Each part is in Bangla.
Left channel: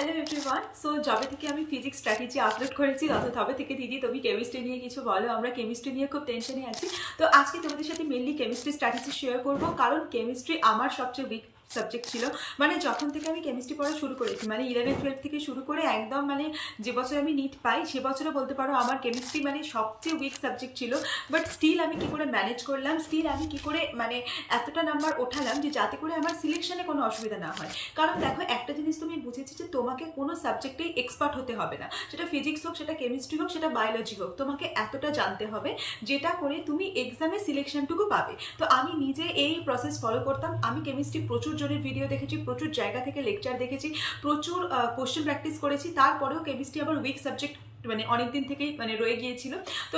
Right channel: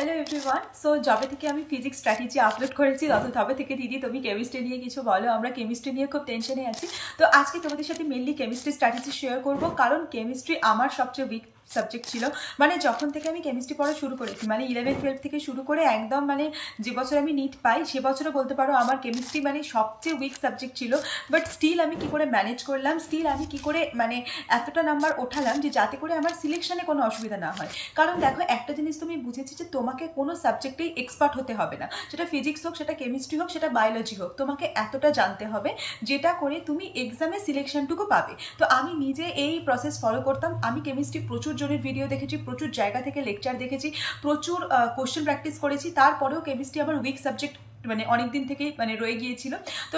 Hello everyone. সো যবে থেকে আমি ফিজিক্স স্ট্র্যাটেজি আপলোড করেছি তবে থেকে দিদি তুমি কেমিস্ট্রি নিয়ে কিছু বলো, আমরা কেমিস্ট্রি নিয়ে খুব টেনশনে আছি। তো আজকে তোমাদের সাথে মেনলি কেমিস্ট্রি স্ট্র্যাটেজি শেয়ার করবো, কারণ কেমিস্ট্রি আমার সবচেয়ে উইক সাবজেক্ট ছিল। মানে যখন থেকে আমি কেমিস্ট্রি পড়া শুরু করেছি, মানে 11-12 থেকে শুরু করে একদম মানে যে বছর আমি নিট পাই সে বছরও বলতে পারো আমার কেমিস্ট্রি মানে সবচেয়ে উইক সাবজেক্ট ছিল। বাট স্টিল আমি কি করে ম্যানেজ করলাম, স্টিল আমি কি করে মানে এতটা নাম্বার ওঠালাম যে যাতে করে আমার সিলেকশনে কোনো অসুবিধা না হয়। কারণ দেখো একটা জিনিস তুমি বুঝেছি যে তোমাকে কোনো সাবজেক্টেই এক্সপার্ট হতে হবে না, সেটা ফিজিক্স হোক, সেটা কেমিস্ট্রি হোক, সেটা বায়োলজি হোক, তোমাকে এতটা জানতে হবে যেটা করে তুমি এক্সামে সিলেকশনটুকু পাবে। তো আমি নিজে এই প্রসেস ফলো করতাম। আমি কেমিস্ট্রি প্রচুর জনের ভিডিও দেখেছি, প্রচুর জায়গা থেকে লেকচার দেখেছি, প্রচুর কোশ্চেন প্র্যাকটিস করেছি, তারপরেও কেমিস্ট্রি আমার উইক সাবজেক্ট মানে অনেকদিন থেকেই মানে রয়ে গিয়েছিল। তো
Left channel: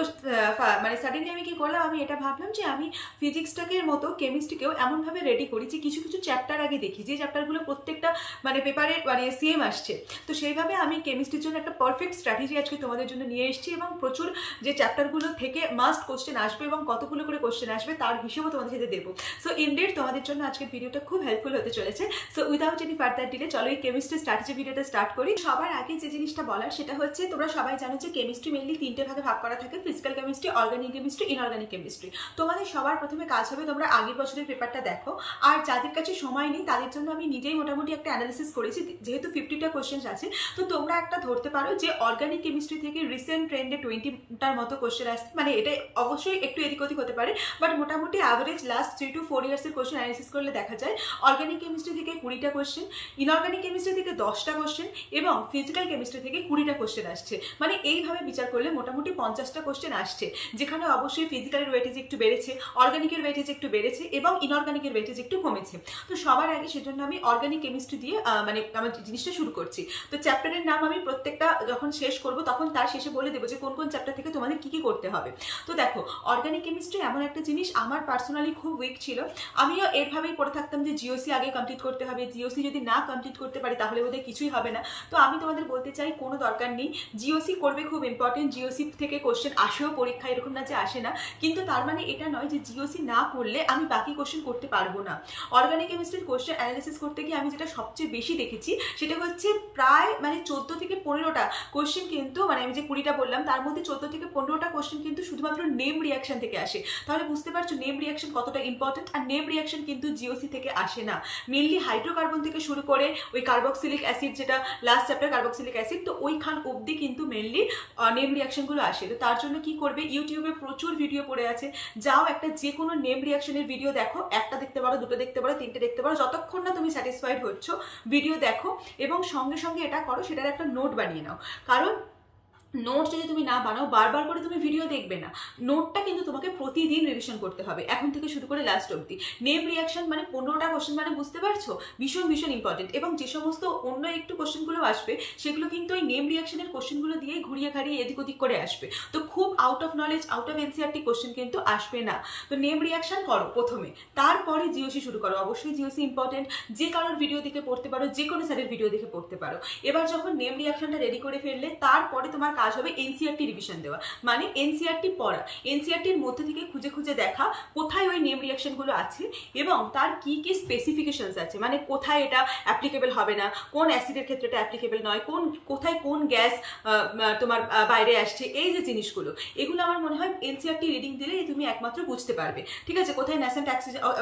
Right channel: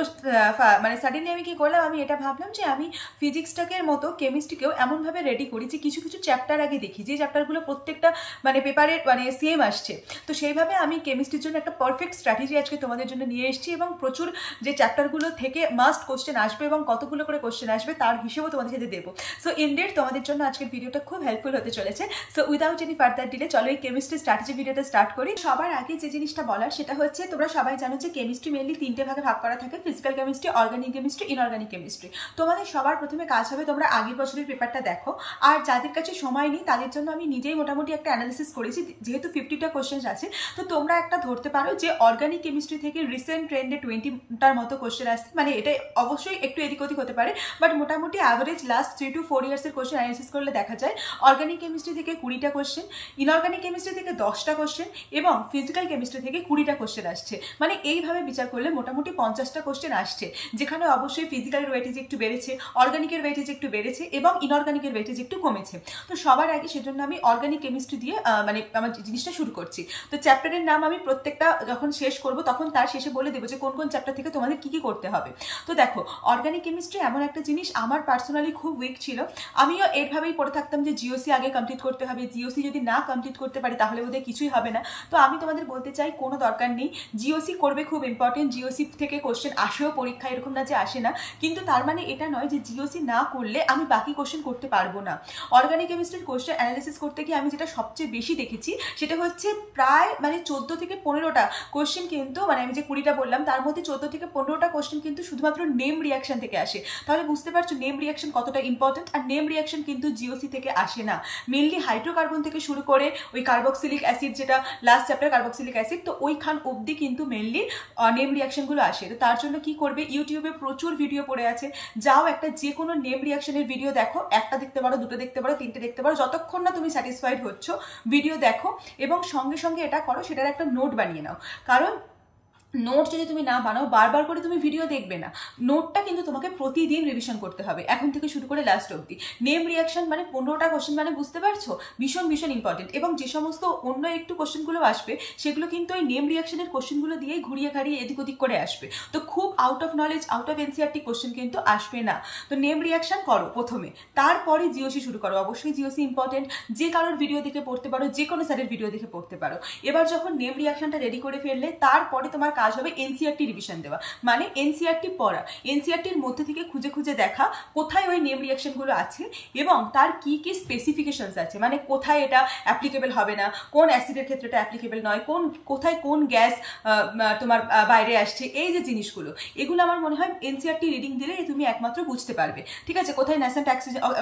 মানে সাডেনলি আমি কি করলাম, আমি এটা ভাবলাম যে আমি ফিজিক্সটাকে মতো কেমিস্ট্রিকেও এমনভাবে রেডি করি যে কিছু কিছু চ্যাপ্টার আগে দেখি, যে চ্যাপ্টারগুলো প্রত্যেকটা মানে পেপারে মানে সেম আসছে। তো সেইভাবে আমি কেমিস্ট্রির জন্য একটা পারফেক্ট স্ট্র্যাটেজি আজকে তোমাদের জন্য নিয়ে এসেছি, এবং প্রচুর যে চ্যাপ্টারগুলো থেকে মাস্ট কোশ্চেন আসবে এবং কতগুলো করে কোশ্চেন আসবে তার হিসেবেও তোমাদের সাথে দেবো। সো ইনডেড তোমাদের জন্য আজকের ভিডিওটা খুব হেল্পফুল হতে চলেছে। So without any further delay চলো এই কেমিস্ট্রি স্ট্র্যাটেজি ভিডিওটা স্টার্ট করি। সবার আগে যে জিনিসটা বলার সেটা হচ্ছে, তোমরা সবাই জানো যে কেমিস্ট্রি মেনলি তিনটে ভাগে ভাগ করা থাকে, physical chemistry, organic chemistry, inorganic chemistry. তোমাদের সবার প্রথমে কাজ হবে তোমরা আগের বছরের পেপারটা দেখো, আর যাদের কাছে সময় নেই তাদের জন্য আমি নিজেই মোটামুটি একটা অ্যানালিসিস করেছি, যেহেতু 50টা কোশ্চেন আছে। তো তোমরা একটা ধরতে পারো যে অর্গানিক কেমিস্ট্রি থেকে রিসেন্ট ট্রেন্ডে 20টার মতো কোশ্চেন আসছে। মানে এটা অবশ্যই একটু এদিক ওদিক হতে পারে, বাট মোটামুটি অ্যাভারেজ লাস্ট 3 to 4 ইয়ার্সের কোশ্চেন অ্যানালিসিস করলে দেখা যায় অর্গানিক কেমিস্ট্রি থেকে 20টা কোশ্চেন, ইনঅর্গানিক কেমিস্ট্রি থেকে 10টা কোশ্চেন এবং ফিজিক্যাল কেমিস্ট্রি থেকে 20টা কোশ্চেন আসছে। মানে এইভাবে বিচার করলে মোটামুটি 50টা কোশ্চেন আসছে, যেখানে অবশ্যই ফিজিক্যালের ওয়েটেজ একটু বেড়েছে, অর্গানিকের ওয়েটেজ একটু বেড়েছে এবং ইনঅর্গানিকের ওয়েটেজ একটু কমেছে। তো সবার আগে সেজন্য আমি অর্গানিক কেমিস্ট্রি দিয়ে মানে আমার জিনিসটা শুরু করছি। তো চ্যাপ্টারের নাম আমি প্রত্যেকটা যখন শেষ করব তখন তার শেষে বলে দেবো যে কোন কোন চ্যাপ্টার থেকে তোমাদের কি কি করতে হবে। তো দেখো অর্গানিক কেমিস্ট্রি এমন একটা জিনিস আমার পার্সোনালি খুব উইক ছিল। আমিও এরভাবেই পড়ে থাকতাম যে জিওসি আগে কমপ্লিট করতে হবে, জিওসি যদি না কমপ্লিট করতে পারি তাহলে বোধহয় কিছুই হবে না। তো আমি তোমাদের বলতে চাই কোনো দরকার নেই, জিওসি করবে, খুব ইম্পর্টেন্ট। জিওসি থেকে কোশ্চেন আসেও পরীক্ষা, এরকম না যে আসে না, কিন্তু তার মানে এটা নয় যে জিওসি না করলে আমি বাকি কোশ্চেন করতে পারবো না। অর্গানিক কেমিস্ট্রির কোশ্চেন অ্যানালিসিস করতে গিয়ে আমি যেটা সবচেয়ে বেশি দেখেছি সেটা হচ্ছে প্রায় মানে 14 থেকে 15টা কোশ্চেন কিন্তু, মানে আমি যে 20টা বললাম তার মধ্যে 14 থেকে 15টা কোশ্চেন কিন্তু শুধুমাত্র নেম রিয়াকশন থেকে আসে। তাহলে বুঝতে পারছো নেম রিয়াকশন কতটা ইম্পর্টেন্ট। আর নেম রিয়াকশন কিন্তু জিওসি থেকে আসে না, মেনলি হাইড্রোকার্বন থেকে শুরু করে ওই কার্বক্সিলিক অ্যাসিড, যেটা লাস্ট চ্যাপ্টার কার্বক্সিলিক অ্যাসিড, তো ওইখান অবধি কিন্তু মেনলি নেম রিয়াকশনগুলো আসে। তো তার জন্য কি করবে, ইউটিউবে প্রচুর ভিডিও পড়ে আছে, যাও একটা যে কোনো নেম রিয়াকশনের ভিডিও দেখো, একটা দেখতে পারো, দুটো দেখতে পারো, তিনটে দেখতে পারো, যতক্ষণ না তুমি স্যাটিসফাইড হচ্ছ ভিডিও দেখো এবং সঙ্গে সঙ্গে এটা করো, সেটার একটা নোট বানিয়ে নাও। কারণ নোট যদি তুমি না বানাও, বারবার করে তুমি ভিডিও দেখবে না। নোটটা কিন্তু তোমাকে প্রতিদিন রিভিশন করতে হবে, এখন থেকে শুরু করে লাস্ট অবধি। নেম রিয়াকশন মানে 15টা কোশ্চেন, মানে বুঝতে পারছো ভীষণ ভীষণ ইম্পর্টেন্ট। এবং যে সমস্ত অন্য একটু কোশ্চেনগুলো আসবে সেগুলো কিন্তু ওই নেম রিয়াকশনের কোশ্চেনগুলো দিয়েই ঘুরিয়ে ঘাড়িয়ে এদিক ওদিক করে আসবে। তো খুব out of knowledge, out of NCERT question কিন্তু আসবে না। তো নেম রিয়াকশন করো প্রথমে, তারপরে জিওসি শুরু করো। অবশ্যই জিওসি ইম্পর্টেন্ট, যে কারোর ভিডিও দেখে পড়তে পারো, যে কোনো স্যারের ভিডিও দেখে পড়তে পারো। এবার যখন নেম রিয়াকশনটা রেডি করে ফেললে তারপরে তোমার কাজ হবে এনসিআরটি রিভিশন দেওয়া, মানে এনসিআরটি পড়া, এনসিআরটির মধ্যে থেকে খুঁজে খুঁজে দেখা কোথায় ওই নেম রিয়াকশনগুলো আছে এবং তার কি কি স্পেসিফিকেশনস আছে, মানে কোথায় এটা অ্যাপ্লিকেবল হবে না, কোন অ্যাসিডের ক্ষেত্রে এটা অ্যাপ্লিকেবল নয়, কোথায় কোন গ্যাস তোমার বাইরে আসছে, এই যে জিনিসগুলো, এগুলো আমার মনে হয় এনসিআরটি রিডিং দিলে তুমি একমাত্র বুঝতে পারবে। ঠিক আছে, কোথায় ন্যাসেন্ট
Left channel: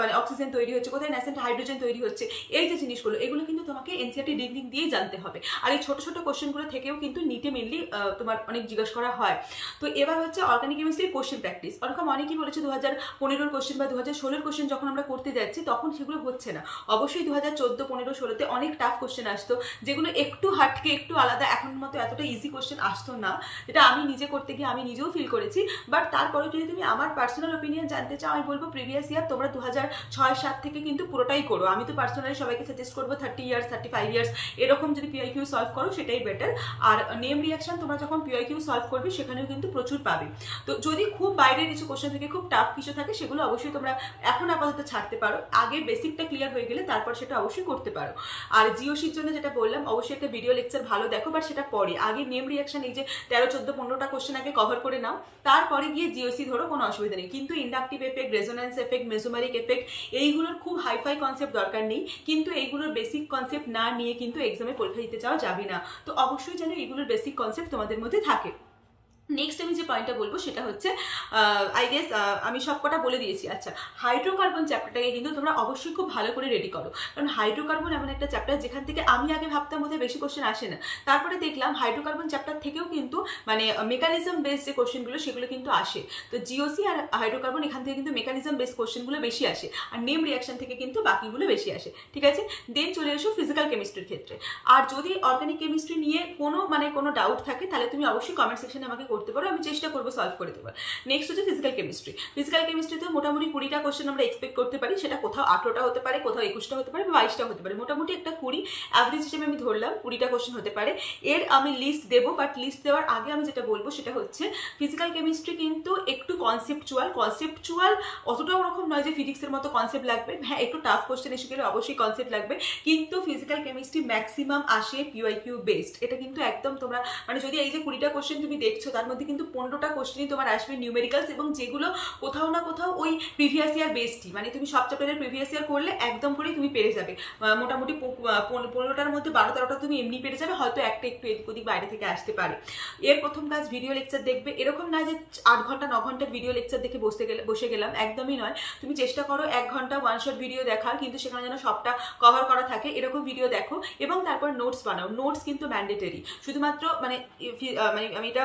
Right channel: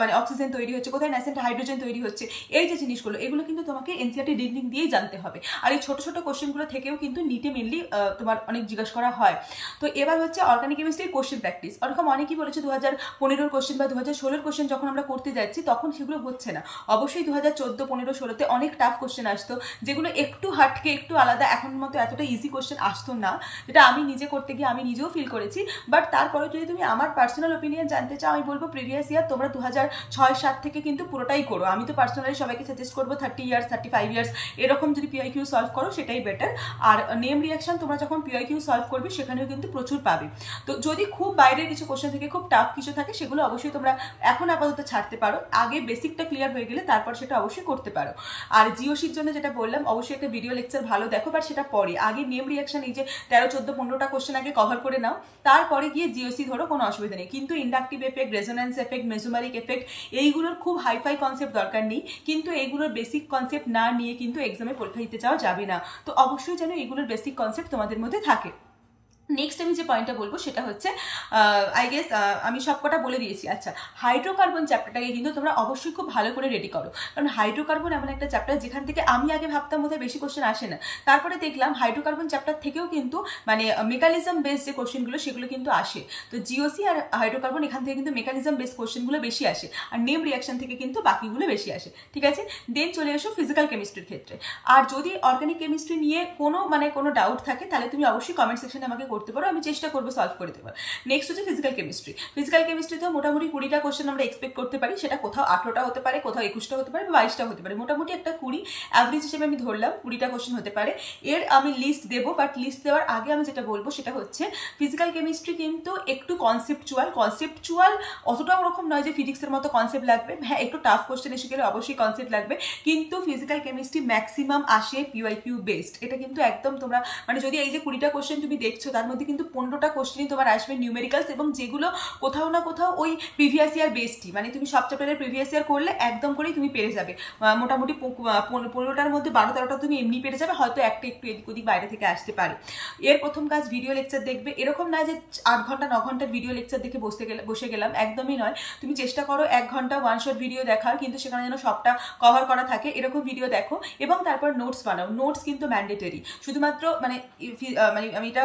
মানে অক্সিজেন তৈরি হচ্ছে, কোথায় ন্যাসেন্ট হাইড্রোজেন তৈরি হচ্ছে, এই যে জিনিসগুলো, এগুলো কিন্তু তোমাকে এনসিআরটি রিডিং দিয়েই জানতে হবে। আর এই ছোট ছোট কোশ্চেনগুলো থেকেও কিন্তু নিটে মেনলি তোমার অনেক জিজ্ঞাসা করা হয়। তো এবার হচ্ছে অর্গানিক কেমিস্ট্রির কোশ্চেন প্র্যাকটিস। ওরকম অনেকেই বলেছে 2015 কোশ্চেন বা 2016 কোশ্চেন যখন আমরা করতে যাচ্ছি তখন সেগুলো হচ্ছে না। অবশ্যই 2014, 15, 16তে অনেক টাফ কোশ্চেন আসতো, যেগুলো একটু হাটকে একটু আলাদা, এখন মতো এতটা ইজি কোশ্চেন আসতো না, যেটা আমি নিজে করতে গিয়ে আমি নিজেও ফিল করেছি। বাট তারপরে যদি তুমি আমার পার্সোনাল ওপিনিয়ন জানতে চাও, আমি বলবো প্রিভিয়াস ইয়ার তোমরা 2006-7 থেকে কিন্তু পুরোটাই করো। আমি তো পার্সোনালি সবাইকে সাজেস্ট করবো 30 ইয়ার্স, 35 ইয়ার্স এরকম যদি পিআইকিউ সলভ করো সেটাই বেটার। আর নেম রিয়াকশন তোমরা যখন পিওয়াইকিউ সলভ করবে সেখানেও কিন্তু প্রচুর পাবে। তো যদি খুব বাইরের কিছু কোশ্চেন থেকে খুব টাফ কিছু থাকে সেগুলো অবশ্যই তোমরা এখন আপাতত ছাড়তে পারো, আগে বেসিকটা ক্লিয়ার হয়ে গেলে তারপর সেটা অবশ্যই করতে পারো। আর জিওসির জন্য যেটা বললাম, অবশ্যই একটা ভিডিও লেকচার ভালো দেখো, বাট সেটা পরে, আগে নেম রিয়াকশন এই যে 13, 14, 15টা কোশ্চেন আগে কভার করে নাও, তারপরে গিয়ে জিওসি ধরো, কোনো অসুবিধা নেই। কিন্তু inductive effect, resonance effect, mesomeric effect এইগুলোর খুব হাইফাই কনসেপ্ট দরকার নেই, কিন্তু এইগুলোর বেসিক কনসেপ্ট না নিয়ে কিন্তু এক্সামে পরীক্ষা দিতে যাওয়া যাবে না। তো অবশ্যই যেন এইগুলোর বেসিক কনসেপ্ট তোমাদের মধ্যে থাকে। নেক্সট আমি যে পয়েন্টটা বলবো সেটা হচ্ছে, আই গেস আমি সবকটা বলে দিয়েছি। আচ্ছা, হাইড্রোকার্বন চ্যাপ্টারটাকে কিন্তু তোমরা অবশ্যই খুব ভালো করে রেডি করো, কারণ হাইড্রোকার্বন এমন একটা চ্যাপ্টার যেখান থেকে আমি আগে ভাবতাম বোধহয় বেশি কোশ্চেন আসে না, তারপরে দেখলাম হাইড্রোকার্বন চ্যাপ্টার থেকেও কিন্তু মানে মেকানিজম বেসড যে কোশ্চেনগুলো সেগুলো কিন্তু আসে। তো জিওসি আর হাইড্রোকার্বন এখান থেকে কিন্তু মেকানিজম বেসড কোশ্চেনগুলো বেশি আসে, আর নেম রিয়াকশন থেকে কিন্তু বাকিগুলো বেশি আসে, ঠিক আছে। দেন চলে এসো ফিজিক্যাল কেমিস্ট্রির ক্ষেত্রে। আর যদি অর্গানিক কেমিস্ট্রি নিয়ে কোনো ডাউট থাকে তাহলে তুমি অবশ্যই কমেন্ট সেকশনে আমাকে করতে পারো, আমি চেষ্টা করবো সলভ করে দেবো। নেক্সট হচ্ছে ফিজিক্যাল কেমিস্ট্রি। ফিজিক্যাল কেমিস্ট্রিতে মোটামুটি 20টা কোশ্চেন আমরা এক্সপেক্ট করতে পারি, সেটা কোথাও 18টা হতে পারে, কোথাও 21টা হতে পারে, বা 22টা হতে পারে, মোটামুটি একটা 20 অ্যাভারেজ হিসেবে আমি ধরলাম 20টা কোশ্চেন হতে পারে। এর আমি লিস্ট দেবো, বাট লিস্ট দেওয়ার আগে আমি যেটা বলবো সেটা হচ্ছে ফিজিক্যাল কেমিস্ট্রি কিন্তু একটু কনসেপচুয়াল অতটাও ওরকম নয় যে ফিজিক্সের মতো কনসেপ্ট লাগবে, হ্যাঁ একটু টাফ কোশ্চেন এসে গেলে অবশ্যই কনসেপ্ট লাগবে, কিন্তু ফিজিক্যাল কেমিস্ট্রি ম্যাক্সিমাম আসে পিওয়াইকিউ বেসড। এটা কিন্তু একদম তোমরা মানে যদি এই যে 20টা কোশ্চেন তুমি দেখছো তার মধ্যে কিন্তু 15টা কোশ্চেনই তোমার আসবে নিউমেরিক্যালস, এবং যেগুলো কোথাও না কোথাও ওই প্রিভিয়াস ইয়ার বেসডই, মানে তুমি সব চ্যাপ্টারের প্রিভিয়াস ইয়ার করলে একদম করেই তুমি পেরে যাবে। মোটামুটি 15টার মধ্যে 12-13টা তুমি এমনি পেরে যাবে, হয়তো একটা একটু এদিক ওদিক বাইরে থেকে আসতে পারে। এর প্রথম কাজ ভিডিও লেকচার দেখবে, এরকম নয় যে 8 ঘন্টা 9 ঘন্টার ভিডিও লেকচার দেখে বসে গেলাম, একদমই নয়। তুমি চেষ্টা করো 1 ঘন্টা ওয়ান শট ভিডিও দেখার, কিন্তু সেখানে যেন সবটা কভার করা থাকে এরকম ভিডিও দেখো, এবং তারপর নোটস বানাও। নোটস কিন্তু ম্যান্ডেটরি, শুধুমাত্র মানে আমি এটা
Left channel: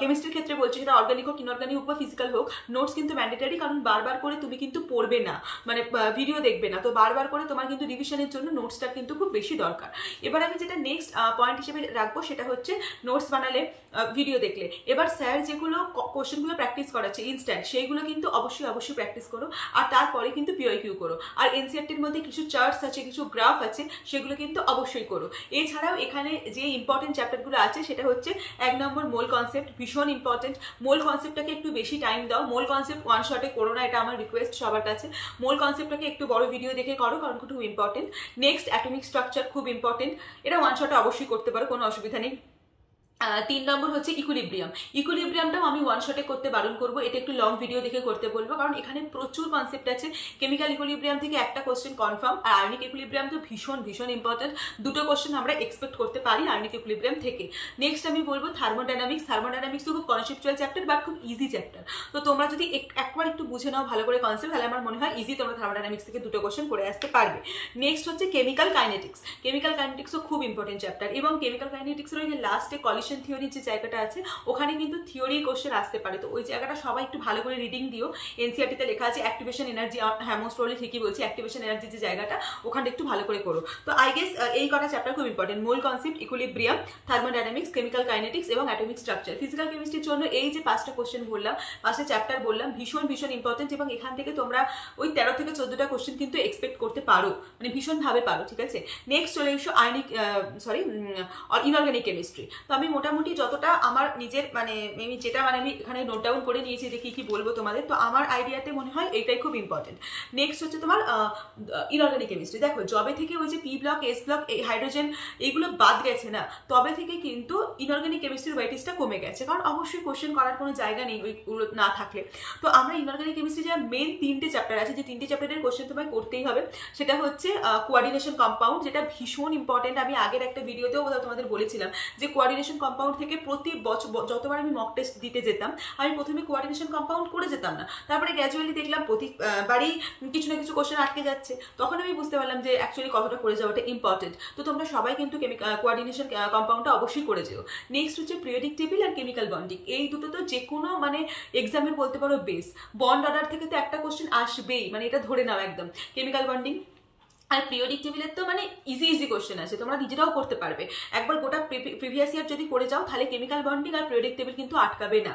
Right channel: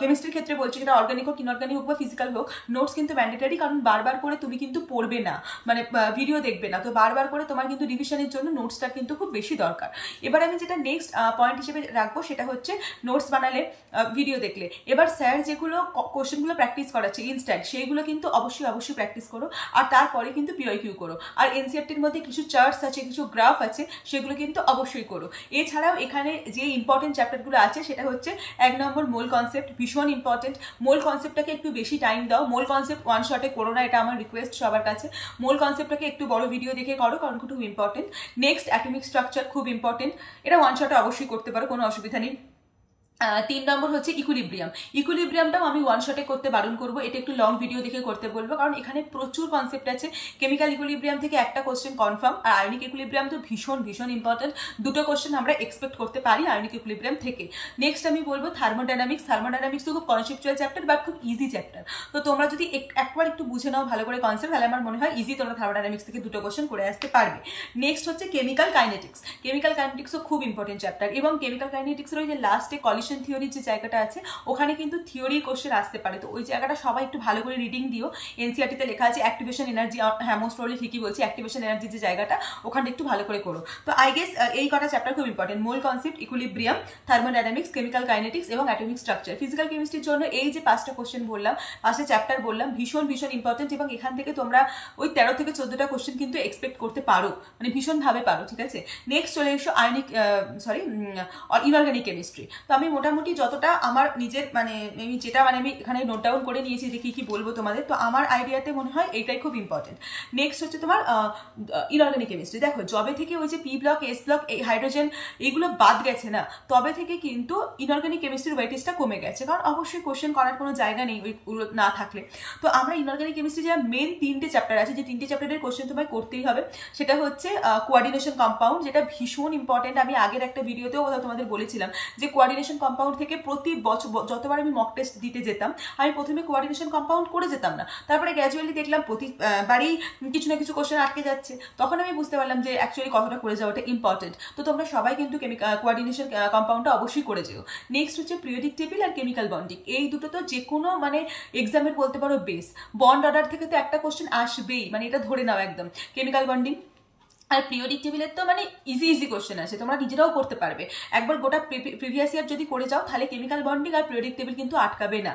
কেমিস্ট্রির ক্ষেত্রে বলছি, সেটা অর্গানিক হোক ইনঅর্গানিক হোক বা ফিজিক্যাল হোক, নোটস কিন্তু ম্যান্ডেটরি, কারণ বারবার করে তুমি কিন্তু পড়বে না, মানে ভিডিও দেখবে না, তো বারবার করে তোমার কিন্তু রিভিশনের জন্য নোটসটা কিন্তু খুব বেশি দরকার। এবার আমি যেটা নেক্সট পয়েন্ট হিসেবে রাখবো সেটা হচ্ছে নোটস বানালে, ভিডিও দেখলে, এবার স্যার যেগুলো কোশ্চেনগুলো প্র্যাকটিস করাচ্ছে ইনস্ট্যান্ট, সেইগুলো কিন্তু অবশ্যই প্র্যাকটিস করো, আর তারপরে কিন্তু পিওয়াইকিউ করো। আর এনসিইআরটির মধ্যে কিছু চার্টস আছে, কিছু গ্রাফ আছে, সেগুলো কিন্তু অবশ্যই করো। এছাড়াও এখানে যে ইম্পর্টেন্ট চ্যাপ্টারগুলো আছে সেটা হচ্ছে 1 নম্বর মোল কনসেপ্ট, ভীষণ ইম্পর্টেন্ট। মোল কনসেপ্টটাকে একটু বেশি টাইম দাও, মোল কনসেপ্ট ওয়ান শটে করো না, এটা আমার রিকোয়েস্ট সবার কাছে। মোল কনসেপ্টটাকে একটু বড় ভিডিও দেখে করো, কারণ খুব ইম্পর্টেন্ট। নেক্সট অ্যাটমিক স্ট্রাকচার, খুব ইম্পর্টেন্ট, এটা ওয়ান শটে অবশ্যই করতে পারো, কোনো অসুবিধা নেই। 3 নম্বর হচ্ছে ইকুইলিব্রিয়ামটাও আমি ওয়ান শটে করতে বারণ করবো, এটা একটু লং ভিডিও দেখে করতে বলবো, কারণ এখানে প্রচুর কনসেপ্ট আছে। কেমিক্যাল ইকুইলিব্রিয়াম থেকে একটা কোশ্চেন কনফার্ম, আর আয়নিক ইকুইলিব্রিয়াম তো ভীষণ ইম্পর্টেন্ট, 2টো কোশ্চেন আমরা এক্সপেক্ট করতে পারি আয়নিক ইকুইলিব্রিয়াম থেকে। নেক্সট আমি বলবো থার্মোডাইনামিক্স তো খুব কনসেপচুয়াল চ্যাপ্টার, বাট খুব ইজি চ্যাপ্টার। তো তোমরা যদি একবার একটু বুঝে নাও ভালো করে কনসেপ্ট, তাহলে আমার মনে হয় ইজি তোমরা থার্মোডাইনামিক্স থেকে 2টো কোশ্চেন করে আসতে পারবে। নেক্সট হচ্ছে কেমিক্যাল কাইনেটিক্সও খুব ইম্পর্টেন্ট চ্যাপ্টার, এবং কেমিক্যাল কাইনেটিক্সের ওই যে লাস্টে কলিশন থিওরির যে জায়গাটা আছে, ওখানে কিন্তু থিওরির কোশ্চেন আসতে পারে, তো ওই জায়গাটা সবাই একটু ভালো করে রিডিং দিও। এনসিইআরটিতে লেখা আছে অ্যাক্টিভেশন এনার্জি, হ্যাঁ মোস্ট প্রবলি ঠিকই বলছি, অ্যাক্টিভেশন এনার্জি যে জায়গাটা, ওখানে একটু ভালো করে করো। তো আই গেস এই কটা চ্যাপ্টার খুব important, mole concept, equilibrium, thermodynamics, chemical kinetics এবং অ্যাটমিক স্ট্রাকচার। ফিজিক্যাল কেমিস্ট্রির জন্য এই যে 5টা কোশ্চেন বললাম, 5টা চ্যাপ্টার বললাম, ভীষণ ইম্পর্টেন্ট, এবং এখান থেকে তোমরা ওই 13 থেকে 14টা কোশ্চেন কিন্তু এক্সপেক্ট করতে পারো, মানে ভীষণভাবে পারো, ঠিক আছে। নেক্সট চলে এসো ইনঅর্গানিক কেমিস্ট্রি। তো আমি মোটামুটি যতটা আমার নিজের আমি এখানে নোট ডাউন করে নিয়েছি যে কি বলবো তোমাদের, তো আমার আইডিয়াতে মনে হয় এইটাই খুব ইম্পর্টেন্ট। নেক্সট হচ্ছে তোমার ইনঅর্গানিক কেমিস্ট্রি। দেখো জবে থেকে ওই যে পি ব্লক, এস ব্লক, এই হাইড্রোজেন এইগুলো বাদ গেছে না, তবে থেকে কিন্তু ইনঅর্গানিক কেমিস্ট্রির ওয়েটেজটা কমে গেছে, কারণ অবশ্যই কোশ্চেন করার কোনো জায়গা নেই ওইগুলো না থাকলে। তো আমরা ইনঅর্গানিক কেমিস্ট্রি যা মেন 3টে চ্যাপ্টার আছে, যে 3টে চ্যাপ্টারের কোশ্চেন তোমায় করতেই হবে, সেটা হচ্ছে কোঅর্ডিনেশন কম্পাউন্ড, যেটা ভীষণ ইম্পর্টেন্ট। আমি আগের একটা ভিডিওতেও তোমাদের বলেছিলাম যে কোঅর্ডিনেশন কম্পাউন্ড থেকে প্রতি বছর যতবার আমি মক টেস্ট দিতে যেতাম, আমি প্রথমে কোঅর্ডিনেশন কম্পাউন্ড করে যেতাম না, তারপরে গ্র্যাজুয়ালি দেখলাম প্রতিবারই কিছু না কিছু কোশ্চেন আটকে যাচ্ছে, তখন আমি বুঝতে পারলাম যে অ্যাকচুয়ালি কতটা করে যাওয়াটা ইম্পর্টেন্ট। তো তোমরা সবাই কিন্তু কোঅর্ডিনেশন কম্পাউন্ডটা অবশ্যই করে যেও। নেক্সট হচ্ছে পিরিয়ডিক টেবিল আর কেমিক্যাল বন্ডিং, এই দুটো তো যে কোনো এক্সামের বলতে পারো বেস। বন্ড অর্ডার থেকে তো একটা কোশ্চেন আসবেই, এটা ধরে নাও একদম। কেমিক্যাল বন্ডিং আর পিরিয়ডিক টেবিলের তো মানে ইজি ইজি কোশ্চেন আছে, তোমরা নিজেরাও করতে পারবে। একবার গোটা প্রিভিয়াস ইয়ার যদি করে যাও তাহলে কেমিক্যাল বন্ডিং আর পিরিয়ডিক টেবিল কিন্তু আটকাবে না।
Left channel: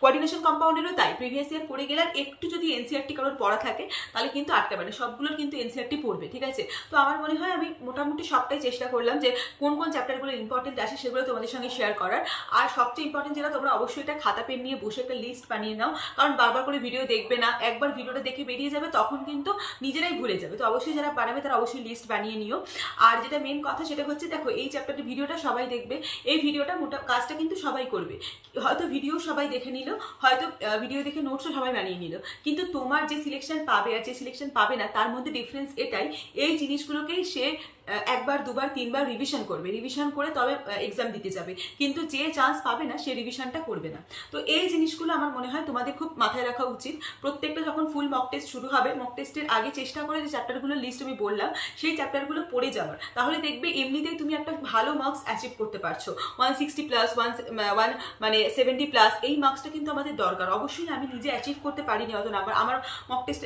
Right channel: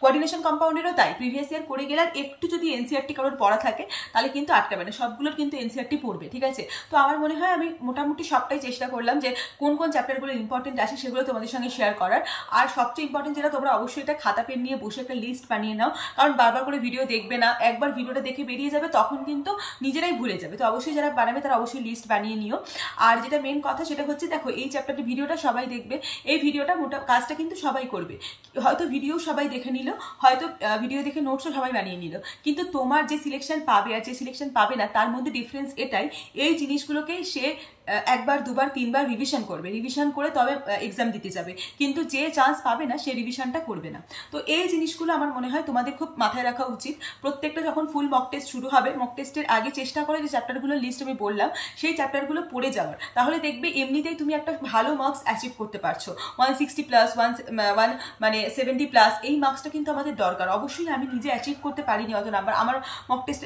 কোঅর্ডিনেশন কম্পাউন্ডেরও তাই, প্রিভিয়াস ইয়ার করে গেলে একটু যদি এনসিআরটি কারোর পড়া থাকে তাহলে কিন্তু আটকাবে না, সবগুলোর কিন্তু এনসিআরটি পড়বে, ঠিক আছে। তো আমার মনে হয় আমি মোটামুটি সবটাই চেষ্টা করলাম যে কোন কোন চ্যাপ্টারগুলো ইম্পর্টেন্ট আছে সেগুলো তোমাদের সঙ্গে শেয়ার করার। আর সবচেয়ে ইম্পর্টেন্ট যেটা, তোমরা অবশ্যই এটা খাতা পেন নিয়ে বসে একটা লিস্ট বানিয়ে নাও, কারণ বারবার করে ভিডিও দেখবে না, একবার ভিডিওটা দেখে বেরিয়ে যাবে তখন কিন্তু নিজেরাই ভুলে যাবে। তো অবশ্যই যারা বানাবে তারা অবশ্যই লিস্ট বানিয়ে নিও। আর যেটা মেন কথা সেটা হচ্ছে, দেখো এই চ্যাপ্টারটি ভিডিওটা সবাই দেখবে, এই ভিডিওটা কাজটা কিন্তু সবাই করবে, হয়তো ভিডিও সবাই দেখে নিল, হয়তো ভিডিও দেখে নোটসও সবাই বানিয়ে নিল, কিন্তু তোমার যে সিলেকশন পাবে আর যে সিলেকশন পাবে না তার মধ্যে ডিফারেন্স এটাই, এই জিনিসগুলোকেই সে একবার দুবার তিনবার রিভিশন করবে, রিভিশন করে তবে এক্সাম দিতে যাবে, কিন্তু যে চান্স পাবে না সে রিভিশনটা করবে না। তো এই জিনিসগুলো আমার মনে হয় তোমাদের খুব মাথায় রাখা উচিত। প্রত্যেকটা যখন ফুল মক টেস্ট শুরু হবে, মক টেস্টের আগে চেষ্টা করে যে চ্যাপ্টারগুলোর লিস্ট আমি বললাম সেই চ্যাপ্টারগুলো পড়ে যাওয়ার, তাহলে দেখবে এমনিতেই তুমি একটা ভালো মার্কস অ্যাচিভ করতে পারছো। 160+, 1 মানে 70+, এই মার্কসটা কিন্তু আমাদের দরকার। অবশ্যই আমি নিজে অ্যাচিভ করতে পারিনি অত নাম্বার, আমার মক টেস্ট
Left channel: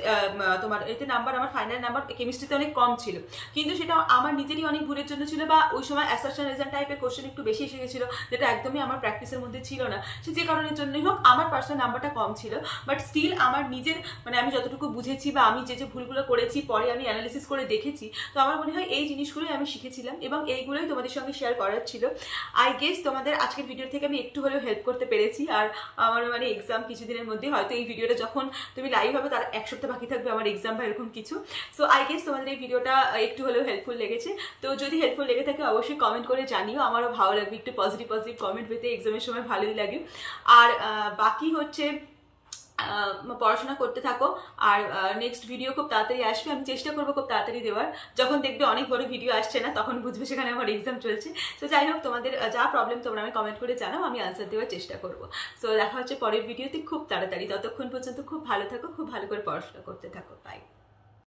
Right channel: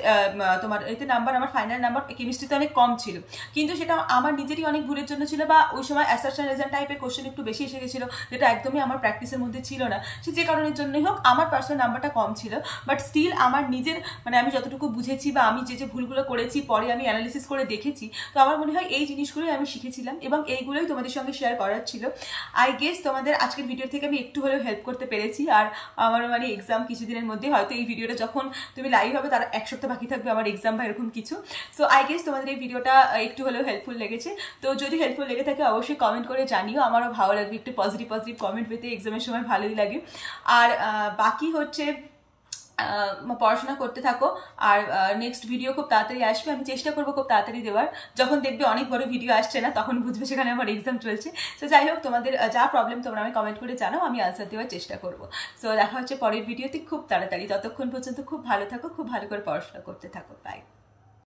তোমার এতে নাম্বার, আমার ফাইনাল নাম্বার কেমিস্ট্রিতে অনেক কম ছিল, কিন্তু সেটা আমার নিজেরই অনেক ভুলের জন্য ছিল, বা ওই সময় অ্যাসারশন রেজাল্ট টাইপের কোশ্চেন একটু বেশি এসে গেছিল, যেটা একদমই আমার প্র্যাকটিসের মধ্যে ছিল না। সে যে কারণের জন্যই হোক আমার পার্সোনাল নাম্বারটা কম ছিল, বাট স্টিল আমার নিজের মানে আমি যতটুকু বুঝেছি বা আমি যে যে ভুলগুলো করেছি পরে আমি অ্যানালিসিস করে দেখেছি, তো আমার মনে হয় এই জিনিসগুলোই আমি শিখেছিলাম এবং এইগুলোই তোমাদের সঙ্গে শেয়ার করার ছিল। আই গেস তোমাদের আজকের ভিডিও থেকে আমি একটু হলেও হেল্প করতে পেরেছি। আর আমার মানে এক্সাম কিছুদিনের মধ্যে, হয়তো এই ভিডিওটা যখন তুমি লাইভ হবে তার এক সপ্তাহ বাকি থাকবে আমার এক্সাম বা এরকম কিছু। সো আই গেস তোমাদের এই ভিডিওটা একটু হলেও হেল্পফুল লেগেছে। তো যদি হেল্পফুল লেগে থাকে অবশ্যই কমেন্ট করে জানিও, আমারও ভালো লাগবে, একটু পজিটিভ কমেন্ট পেতে এক্সামের সময় ভালোই লাগে। আর বাকি হচ্ছে পড়াশোনা করতে থাকো, আর নেক্সট ভিডিও খুব তাড়াতাড়ি আসবে, আমি চেষ্টা করবো খুব তাড়াতাড়ি দেওয়ার। যখন দেখবে অনেক বড় ভিডিও আসছে না তখন বুঝবে সেখানে আমার এক্সাম চলছে। তো যাই হোক, তোমাদের যা প্রবলেম তোমরা আমি কমেন্ট করে জানাও, আমি আনসার দেওয়ার চেষ্টা করবো। সো দেখা হচ্ছে পরের ভিডিওতে খুব তাড়াতাড়ি, ততক্ষণ পর্যন্ত খুব ভালো থাকো, খুব ভালো করে পড়াশোনা করতে থাকো, বাই।